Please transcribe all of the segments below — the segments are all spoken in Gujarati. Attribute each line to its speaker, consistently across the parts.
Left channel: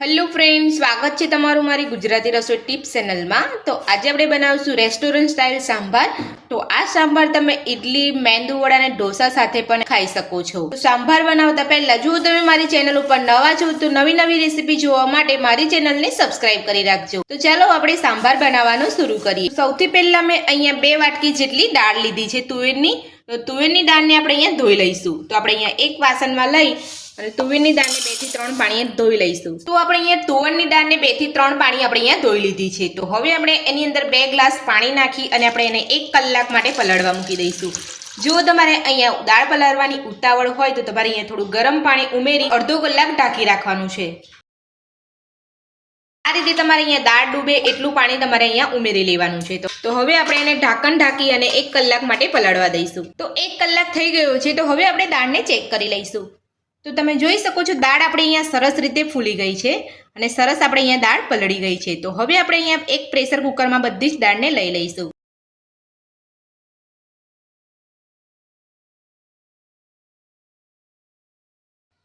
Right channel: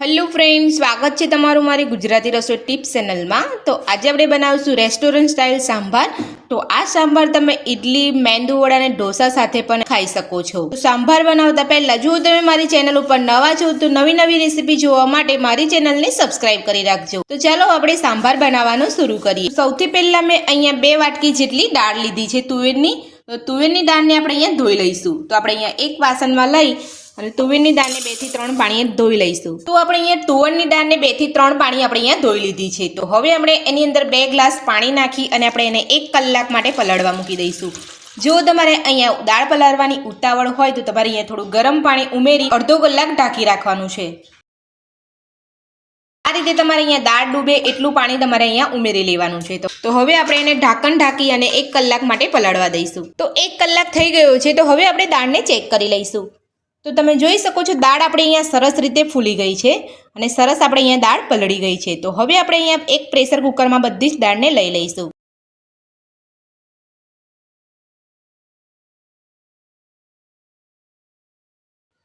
Speaker 1: હેલો ફ્રેન્ડ સ્વાગત છે તમારું મારી ગુજરાતી રસોઈ ટિપ્સ ચેનલમાં તો આજે આપણે બનાવશું રેસ્ટોરન્ટ સ્ટાઇલ સાંભાર. તો આ સાંભાર તમે ઇડલી મેંદુ વડા અને ઢોસા સાથે પણ ખાઈ શકો છો. સાંભાર બનાવતા પહેલાં, જો તમે મારી ચેનલ ઉપર નવા છો, તો નવી નવી રેસીપી જોવા માટે મારી ચેનલને સબસ્ક્રાઇબ કરી રાખજો. તો ચાલો આપણે સાંભાર બનાવવાનું શરૂ કરીએ. સૌથી પહેલાં મેં અહીંયા બે વાટકી જેટલી દાળ લીધી છે તુવેરની. તો તુવેરની દાળને આપણે અહીંયા ધોઈ લઈશું. તો આપણે અહીંયા એક વાસણમાં લઈ અને તુવેરની દાળને બેથી ત્રણ પાણીએ ધોઈ લઈશું. તો આપણે અહીંયા તુવરની દાળને બેથી ત્રણ પાણી આપણે અહીંયા ધોઈ લીધી છે. તો હવે આપણે એની અંદર બે ગ્લાસ પાણી નાખી અને આપણે એને એક કલાક માટે પલાળવા મૂકી દઈશું. જો તમારે અહીંયા દાળ પલાળવાની ઉતાવળ હોય તો તમારે અહીંયા થોડું ગરમ પાણી ઉમેરી અડધો કલાક ઢાંકી રાખવાનું છે. આ રીતે તમારે અહીંયા દાળ ડૂબે એટલું પાણી તમારે અહીંયા ઉમેરી લેવાનું છે. તો હવે આપણે એને ઢાંકણ ઢાંકી અને એક કલાક માટે પલાળવા દઈશું. તો એક કલાક થઈ ગયો છે તો હવે આપણે દાળને ચેક કરી લઈશું. તો તમે જોઈ શકો છો, દાળ આપણે અહીંયા સરસ રીતે ફૂલી ગઈ છે અને સરસ આપણે અહીંયા દાળ પલળી ગઈ છે. તો હવે આપણે અહીંયા એક પ્રેશર કુકરમાં બધી જ દાળને લઈ લઈશું.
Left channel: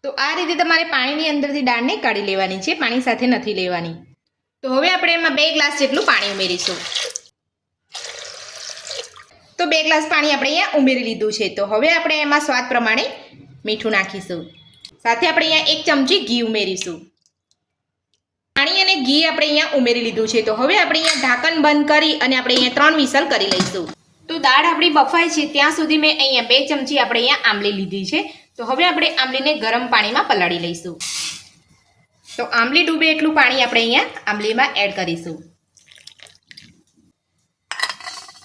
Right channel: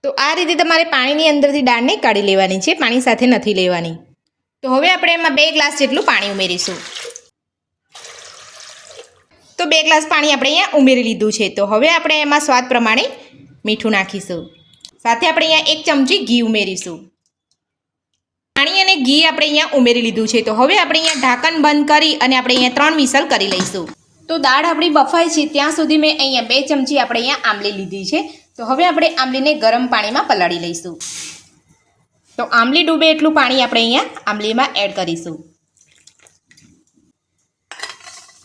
Speaker 1: તો આ રીતે તમારે પાણીની અંદરથી દાળને કાઢી લેવાની છે, પાણી સાથે નથી લેવાની. તો હવે આપણે એમાં બે ગ્લાસ જેટલું પાણી ઉમેરીશું. તો બે ગ્લાસ પાણી આપણે અહીંયા ઉમેરી લીધું છે. તો હવે આપણે એમાં સ્વાદ પ્રમાણે મીઠું નાખીશું. સાથે આપણે અહીંયા એક ચમચી ઘી ઉમેરીશું. પાણી અને ઘી આપણે અહીંયા ઉમેરી લીધું છે. તો હવે આપણે અહીંયા ઢાંકણ બંધ કરી અને આપણે અહીંયા ત્રણ વિસલ કરી લઈશું. તો દાળ આપણી બફાય છે. ત્યાં સુધી મેં અહીંયા બે ચમચી આપણે અહીંયા આંબલી લીધી છે. તો હવે આપણે આંબલીને ગરમ પાણીમાં પલાળી લઈશું. તો આંબલી ડૂબે એટલું પાણી આપણે અહીંયા આંબલીમાં એડ કરીશું.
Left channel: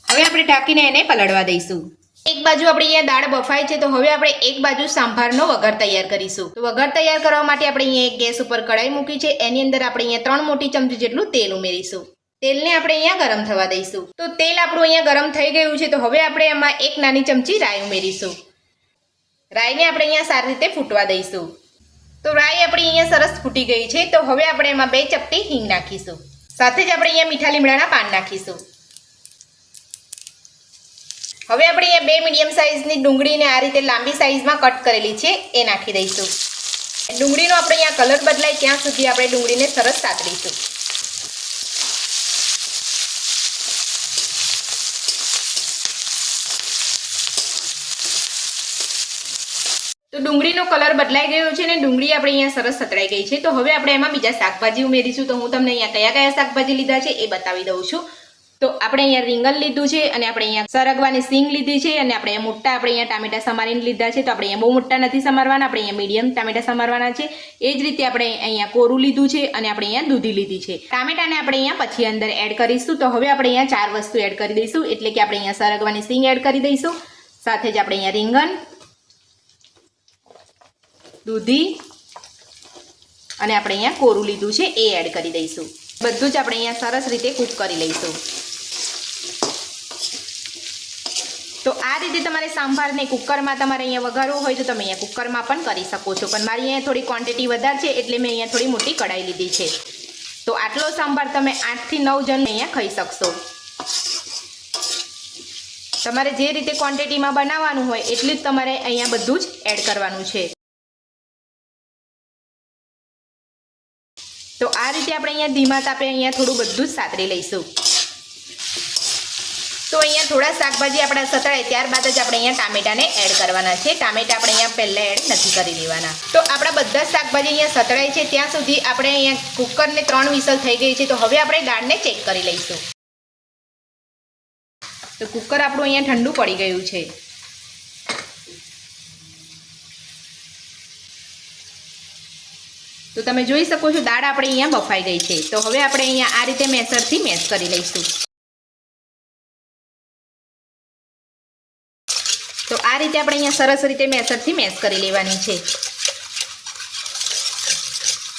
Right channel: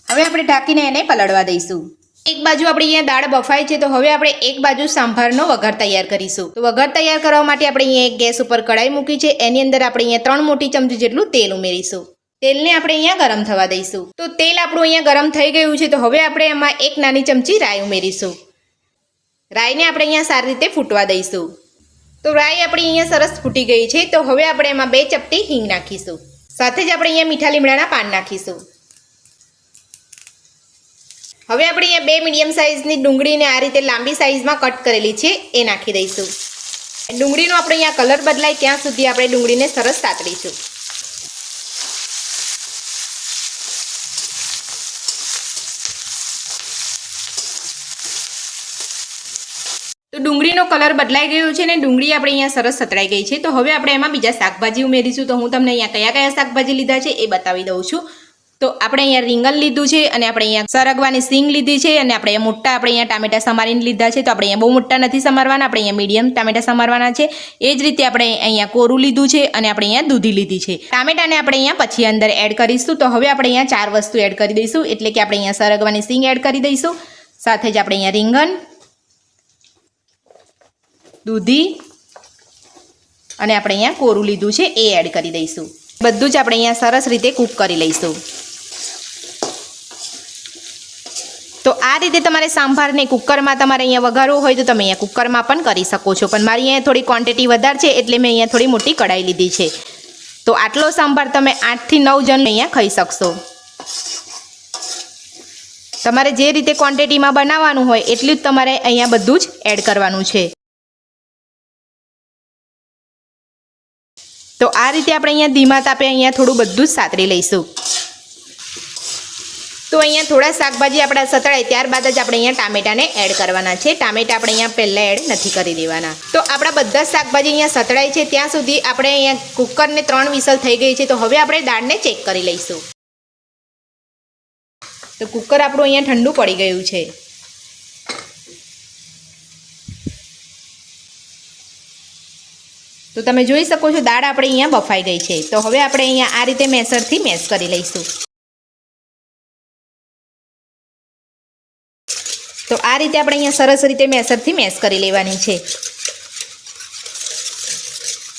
Speaker 1: હવે આપણે ઢાંકીને એને પલળવા દઈશું. એક બાજુ આપણે અહીંયા દાળ બફાય છે, તો હવે આપણે એક બાજુ સાંભારનો વઘાર તૈયાર કરીશું. તો વઘાર તૈયાર કરવા માટે આપણે અહીંયા એક ગેસ ઉપર કઢાઈ મૂકી છે, એની અંદર આપણે અહીંયા ત્રણ મોટી ચમચી જેટલું તેલ ઉમેરીશું. તેલને આપણે અહીંયા ગરમ થવા દઈશું. તો તેલ આપણું અહીંયા ગરમ થઈ ગયું છે, તો હવે આપણે એમાં એક નાની ચમચી રાઈ ઉમેરીશું. રાઈને આપણે અહીંયા સારી રીતે ફૂટવા દઈશું. તો રાઈ આપણી અહીંયા સરસ ફૂટી ગઈ છે, તો હવે આપણે એમાં બે ચપટી હિંગ નાખીશું. સાથે જ આપણે અહીંયા મીઠા લીમડાના પાન નાખીશું. હવે આપણે અહીંયા બે મીડિયમ સાઇઝની ડુંગળીને આ રીતે લાંબી સાઇઝમાં કટ કરેલી છે, એ નાખી દઈશું. ડુંગળીનો આપણે અહીંયા કલર બદલાય ત્યાં સુધી આપણે ડુંગળીને સરસ સાતડીશું તો ડુંગળીનો કલર બદલાઈ ગયો છે ને ડુંગળી આપણે અહીંયા સરસ સતરાઈ ગઈ છે. તો હવે આપણે એમાં બીજા શાકભાજી ઉમેરીશું. તો હું તમને અહીંયા કયા કયા શાકભાજી લીધા છે એ બતાવી દઉં છું. તો આપણે અહીંયા રીંગણ લીધું છે અને આપણે અહીંયા સરગવાની સિંગ લીધી છે અને આપણે મોટા આપણે અહીંયા ટામેટા સમારીને લીધા છે તો આપણે અહીંયા બહુ મોટા નથી સમારવાના આપણે અહીંયા મીડિયમ ટામેટા સમારવાના છે એ જ રીતે આપણે અહીંયા કોરું લીધું છે અને આપણે અહીંયા દૂધી લીધી છે ટામેટાને આપણે અહીંયા પછી અંદર એડ કરીશું તો હવે આપણે અહીંયા ચાર વસ્તુ એડ કરી દઈશું એટલે કે આપણે અહીંયા સરગવાની સિંગ એડ કરી દઈશું સાથે જ આપણે અહીંયા રીંગણ દૂધી અને આપણે અહીંયા કોરું લીધું છે એ એડ કરી દઈશું બધું જ આપણે અહીંયા સરસ રીતે કૂક કરી લઈશું તો આ રીતે તમારે સાંભારને કુકરમાં તમારે અહીંયા વઘારવું હોય તો તમે અહીંયા કુકરમાં પણ કરી શકો છો. પણ મારી અહીંયા થોડી ક્વોન્ટિટી વધારે છે એટલે મેં અહીંયા થોડી મોટી કઢાઈ લીધી છે. તો આટલો સાંભાર તમે આઠથી નવ જણ અહીંયા ખાઈ શકશો. તમારે જે રીતે ક્વોન્ટિટીમાં બનાવવાનું હોય એટલું જ તમારે અહીંયા બધું જ એડ કરવાનું છે. તો આ રીતે આપણે અહીંયા ધીમા તાપે અહીંયા થોડું બધું જ સાતરી લઈશું. તો અહીંયા થોડા શાકભાજી આપણા સતળાય, ત્યારબાદ જ આપણે અહીંયા ટામેટાને એડ કરવાના છે. ટામેટા આપણે અહીંયા પહેલાં એડ નથી કરી દેવાના. તો આપણા બધા શાકભાજી અહીંયા સતળાય છે. ત્યાં સુધી આપણે અહીંયા કુકરને ત્રણ વિસલ થઈ ગઈ છે. તો હવે આપણે દાળને ચેક કરી લઈશું. તો કુકર આપણું અહીંયા ઠંડુ પડી ગયું છે. તો તમે જોઈ શકો છો દાળ આપણે અહીંયા બફાઈ ગઈ છે. તો હવે આપણે અહીંયા આ રીતે મેસરથી મેશ કરી લઈશું. તો આ રીતે આપણે અહીંયા સરસ રીતે મેસરથી મેસ કરી લેવાની છે.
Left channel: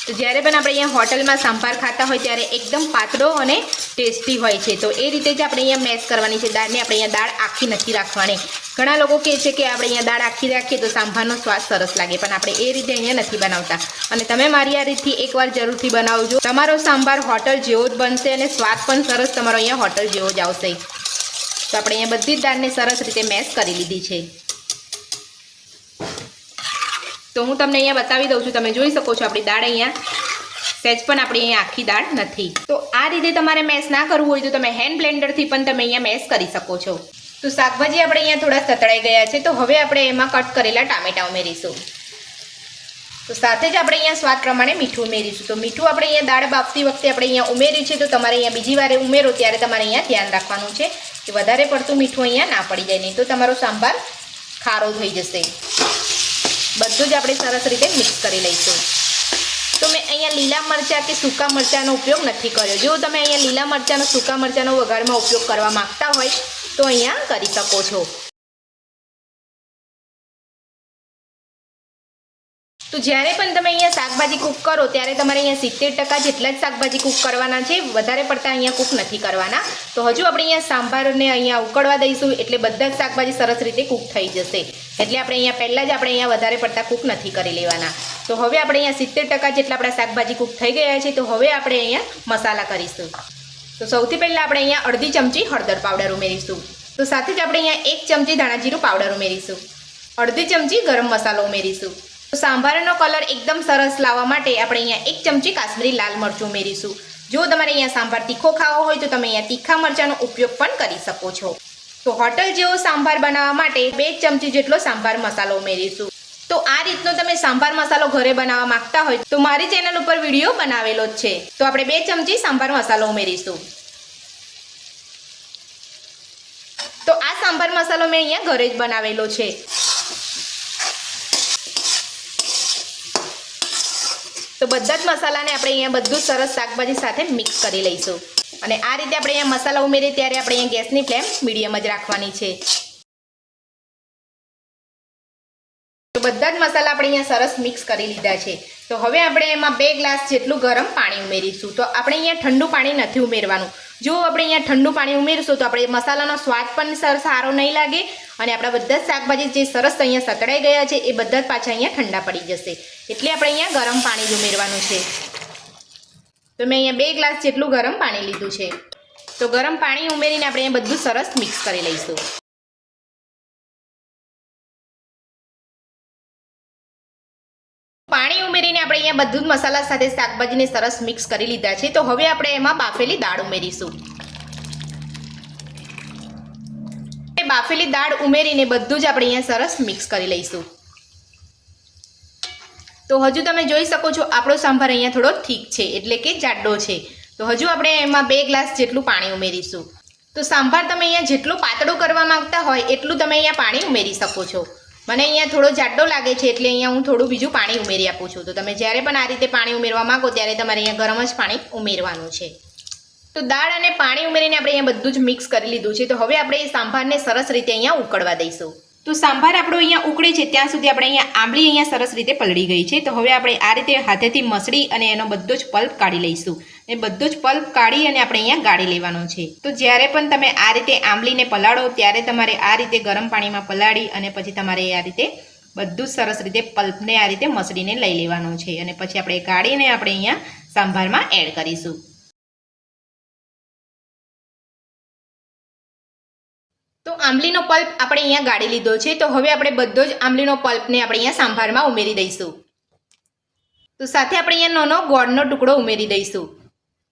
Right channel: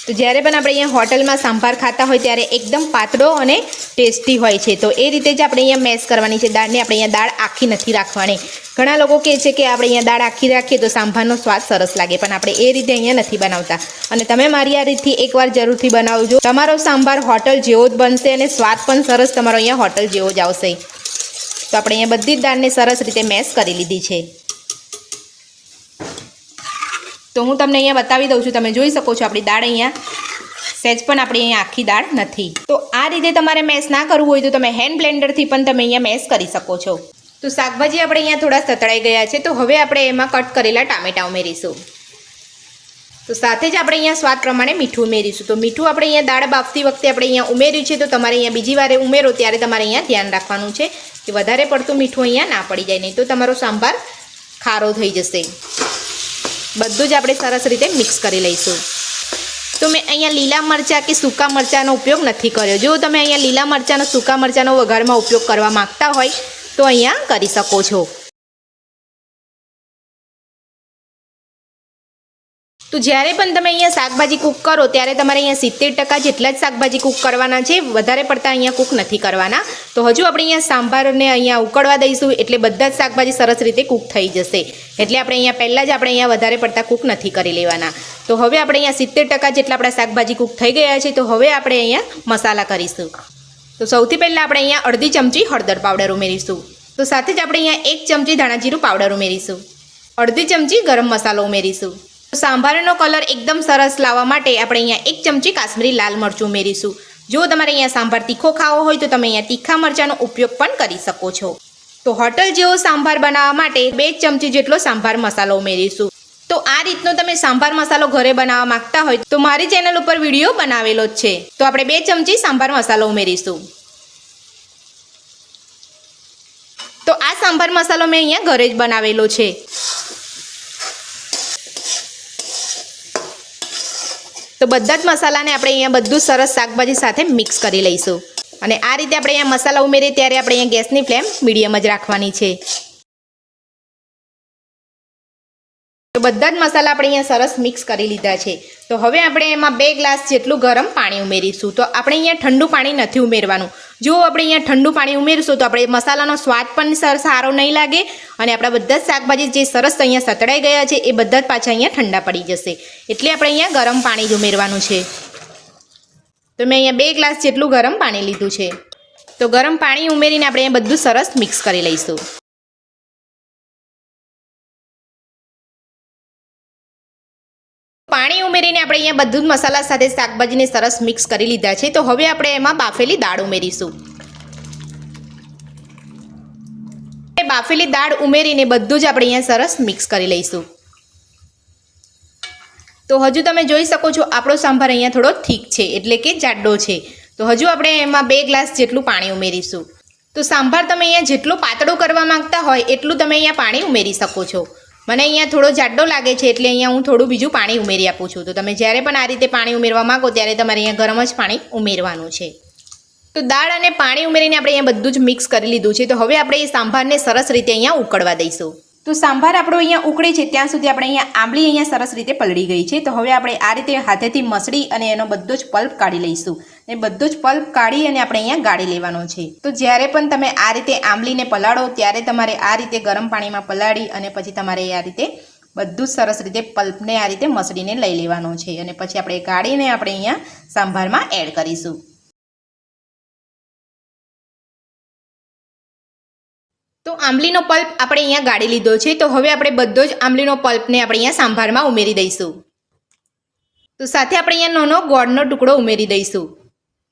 Speaker 1: તો જ્યારે પણ આપણે અહીંયા હોટલમાં સાંભાર ખાતા હોય ત્યારે એકદમ પાતળો અને ટેસ્ટી હોય છે. તો એ રીતે જ આપણે અહીંયા મેસ કરવાની છે. દાળને આપણે અહીંયા દાળ આખી નથી રાખવાની. ઘણા લોકો કહે છે કે આપણે અહીંયા દાળ આખી રાખીએ તો સાંભારનો સ્વાદ સરસ લાગે, પણ આપણે એ રીતે અહીંયા નથી બનાવતા. અને તમે મારી આ રીતથી એકવાર જરૂરથી બનાવજો. તમારો સાંભાર હોટલ જેવો જ બનશે અને સ્વાદ પણ સરસ તમારો અહીંયા હોટલ જેવો જ આવશે. તો આપણે અહીંયા બધી જ દાળને સરસ રીતે મેશ કરી લીધી છે. તો હું તમને અહીંયા બતાવી દઉં છું, તમે જોઈ શકો છો આપણી દાળ અહીંયા. સહેજ પણ આપણી અહીંયા આખી દાળ નથી. તો આ રીતે તમારે મેશ ના કરવું હોય તો તમે હેન્ડ બ્લેન્ડરથી પણ તમે અહીંયા મેશ કરી શકો છો. તો શાકભાજી આપણે અહીંયા થોડા સતળાઈ ગયા છે, તો હવે આપણે એમાં કટ કરેલા ટામેટા ઉમેરીશું. તો સાથે જ આપણે અહીંયા સ્વાદ પ્રમાણે મીઠું ઉમેરીશું. તો મીઠું આપણે અહીંયા દાળ બાફતી વખતે આપણે અહીંયા ઉમેર્યું છે, તો તમારે અહીંયા બીજી વારે ઉમેરો ત્યારે તમારે અહીંયા ધ્યાન રાખવાનું છે કે વધારે પડતું મીઠું અહીંયા ના પડી જાય, નહીં તો તમારો સાંભાર ખારો થઈ જશે. બધું જ આપણે સરસ રીતે મિક્સ કરી લઈશું. તો મેં અહીંયા લીલા મરચાં કે સૂકા મરચાંનો ઉપયોગ નથી કર્યો. જો તમે અહીંયા લીલા મરચાંનો સૂકા મરચાંનો વઘારમાં ઉપયોગ કરવા માંગતા હોય, તો અહીંયા કરી શકો છો. તો જ્યારે પણ તમે અહીંયા શાકભાજી કૂક કરો, ત્યારે તમારે અહીંયા સિત્તેર ટકા જેટલા જ શાકભાજી કૂક કરવાના છે. વધારે પડતા અહીંયા કૂક નથી કરવાના. તો હજુ આપણે અહીંયા સાંભારને અહીંયા ઉકળવા દઈશું, એટલે બધા જ શાકભાજી સરસ રીતે કૂક થઈ જશે. એટલે આપણે અહીંયા પહેલાં જ આપણે અહીંયા વધારે પડતા કૂક નથી કરી લેવાના. તો હવે આપણે અહીંયા સિત્તેર ટકા જેટલા આપણા શાકભાજી કૂક થઈ ગયા છે, તો હવે આપણે અહીંયા મસાલા કરીશું. તો સૌથી પહેલાં આપણે અહીંયા અડધી ચમચી હળદર પાવડર ઉમેરીશું. તો સાથે જ આપણે અહીંયા એક ચમચી ધાણા જીરું પાવડર ઉમેરીશું. અડધી ચમચી ગરમ મસાલો ઉમેરીશું. સાંભારનો કલર એકદમ સરસ લાવવા માટે આપણે અહીંયા એક ચમચી કાશ્મીરી લાલ મરચું ઉમેરીશું. જો તમારે અહીંયા સાંભાર તીખો ખાવો હોય તો તમે અહીંયા તીખા મરચાંનો ઉપયોગ પણ કરી શકો છો. તો હોટલ જેવો સાંભાર બનાવવા માટે બે ચમચી જેટલો સાંભાર મસાલો ઉમેરીશું. તો આ રીતનો તમે સાંભાર મસાલો ઘરે બનાવવા માંગતા હોય તો મારી ચેનલ ઉપર વીડિયો બનાવેલો જ છે. તો આપણે બે ચમચી સાંભાર મસાલો ઉમેરીશું. તો આ સાંભાર મસાલો મેં અહીંયા ઘરે જ બનાવેલો છે. તો બધા જ મસાલાને આપણે અહીંયા બધું સરસ શાકભાજી સાથે મિક્સ કરી લઈશું. અને આ રીતે આપણે અહીંયા મસાલા ઉમેરીએ ત્યારે આપણે અહીંયા ગેસની ફ્લેમ મીડિયમ જ રાખવાની છે. તો બધા જ મસાલા આપણે અહીંયા સરસ મિક્સ કરી લીધા છે. તો હવે આપણે એમાં બે ગ્લાસ જેટલું ગરમ પાણી ઉમેરીશું. તો આપણે અહીંયા ઠંડુ પાણી નથી ઉમેરવાનું. જો આપણે અહીંયા ઠંડુ પાણી ઉમેરશું તો આપણે મસાલાનો સ્વાદ પણ સર સારો નહીં લાગે અને આપણા બધા જ શાકભાજી જે સરસ અહીંયા સતળાઈ ગયા છે એ બધા જ પાછા અહીંયા ઠંડા પડી જશે. એટલે આપણે અહીંયા ગરમ પાણી જ ઉમેરવાનું છે. તો મેં અહીંયા બે ગ્લાસ જેટલું ગરમ પાણી લીધું છે. તો ગરમ પાણી ઉમેરીને આપણે અહીંયા બધું સરસ મિક્સ કરી લઈશું. પાણી ઉમેરીને આપણે અહીંયા બધું મસાલા સાથે શાકભાજીને સરસ મિક્સ કરી લીધા છે. તો હવે આપણે એમાં બાફેલી દાળ ઉમેરીશું. બાફેલી દાળ ઉમેરીને બધું જ આપણે અહીંયા સરસ મિક્સ કરી લઈશું. તો હજુ તમે જોઈ શકો છો આપણો સાંભાર અહીંયા થોડો ઠીક છે, એટલે કે જાડો છે. તો હજુ આપણે એમાં બે ગ્લાસ જેટલું પાણી ઉમેરીશું. તો સાંભાર તમે અહીંયા જેટલું પાતળું કરવા માંગતા હોય એટલું તમે અહીંયા પાણી ઉમેરી શકો છો. મને અહીંયા થોડો જાડો લાગે છે એટલે અહીંયા હું થોડું બીજું પાણી ઉમેરી આપું છું. તો તમે જ્યારે પણ આ રીતે પાણી ઉમેરવા માગો ત્યારે તમારે અહીંયા ગરમ જ પાણી ઉમેરવાનું છે. તો દાળ અને પાણી ઉમેરીને આપણે અહીંયા બધું જ મિક્સ કરી લીધું છે. તો હવે આપણે એ સાંભારને સરસ રીતે અહીંયા ઉકળવા દઈશું. તો સાંભાર આપણો અહીંયા ઉકળે છે, ત્યાં સુધી આપણે અહીંયા આંબલી અહીંયા સરસ રીતે પલળી ગઈ છે. તો હવે આપણે આ રીતે હાથેથી મસળી અને એનો બધો જ પલ્પ કાઢી લઈશું. એ બધો જ પલ્પ કાઢી અને આપણે અહીંયા ગાળી લેવાનો છે. તો જ્યારે પણ તમે આ રીતે આંબલીને પલાળો, ત્યારે તમારે આ રીતે ગરમ પાણીમાં પલાળી અને પછી તમારે આ રીતે બધું સરસ રીતે પલ્પને આ રીતે મસળીને લઈ લેવાનો છે. અને પછી આપણે ગાળીને આપણે અહીંયા સાંભારમાં એડ કરીશું. તો આંબલીનો પલ્પ આપણે અહીંયા ગાળી લીધો છે. તો હવે આપણે બધો જ આંબલીનો પલ્પને આપણે અહીંયા સાંભારમાં ઉમેરી દઈશું. તો સાથે આપણે અહીંયા નાનો ગોળનો ટુકડો ઉમેરી દઈશું.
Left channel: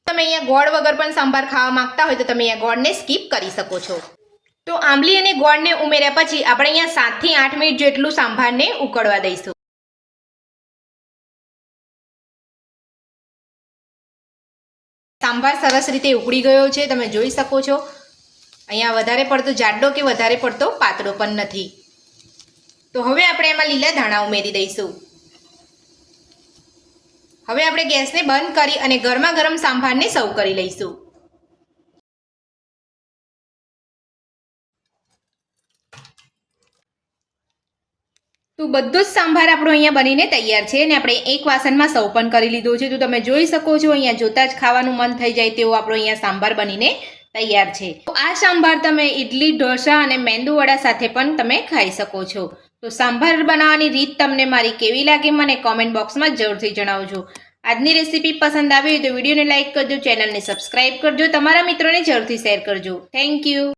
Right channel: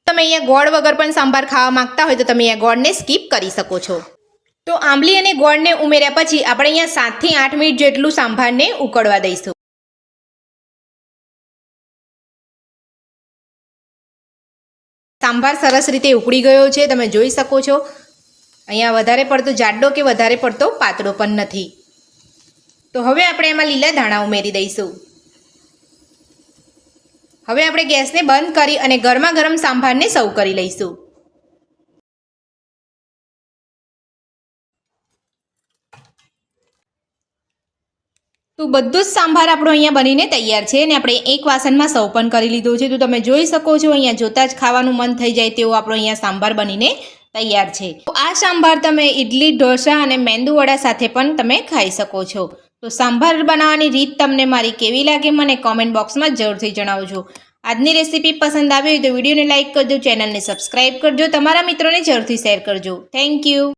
Speaker 1: તમે અહીંયા ગોળ વગર પણ સાંભાર ખાવા માંગતા હોય તો તમે અહીંયા ગોળને સ્કીપ કરી શકો છો. તો આંબલી અને ગોળને ઉમેર્યા પછી આપણે અહીંયા સાતથી આઠ મિનિટ જેટલું સાંભારને ઉકળવા દઈશું. સાંભાર સરસ રીતે ઉકળી ગયો છે. તમે જોઈ શકો છો. અહીંયા વધારે પડતો જાડો કે વધારે પડતો પાતળો પણ નથી. તો હવે આપણે એમાં લીલા ધાણા ઉમેરી દઈશું. હવે આપણે ગેસને બંધ કરી અને ગરમા ગરમ સાંભારને સર્વ કરી લઈશું. તો બધો જ સાંભાર આપણો અહીંયા બનીને તૈયાર છે અને આપણે એક વાસણમાં સૌ પણ કરી લીધો છે. તો તમે જોઈ શકો છો, અહીંયા જોતાં જ ખાવાનું મન થઈ જાય તેવો આપણો અહીંયા સાંભાર બનીને તૈયાર છે. તો આ સાંભાર તમે ઇડલી ઢોસા અને મેંદુવડા સાથે પણ તમે ખાઈ શકો છો. તો સાંભાર બનાવવાની રીત તમને મારી કેવી લાગે મને કોમેન્ટ બોક્સમાં જરૂરથી જણાવજો. આજની રેસીપી પસંદ આવી હોય તો વિડીયોને લાઇક કરજો, ચેનલને સબસ્ક્રાઇબ કરજો, તમારા મિત્રોને જરૂરથી શેર કરજો. Thank you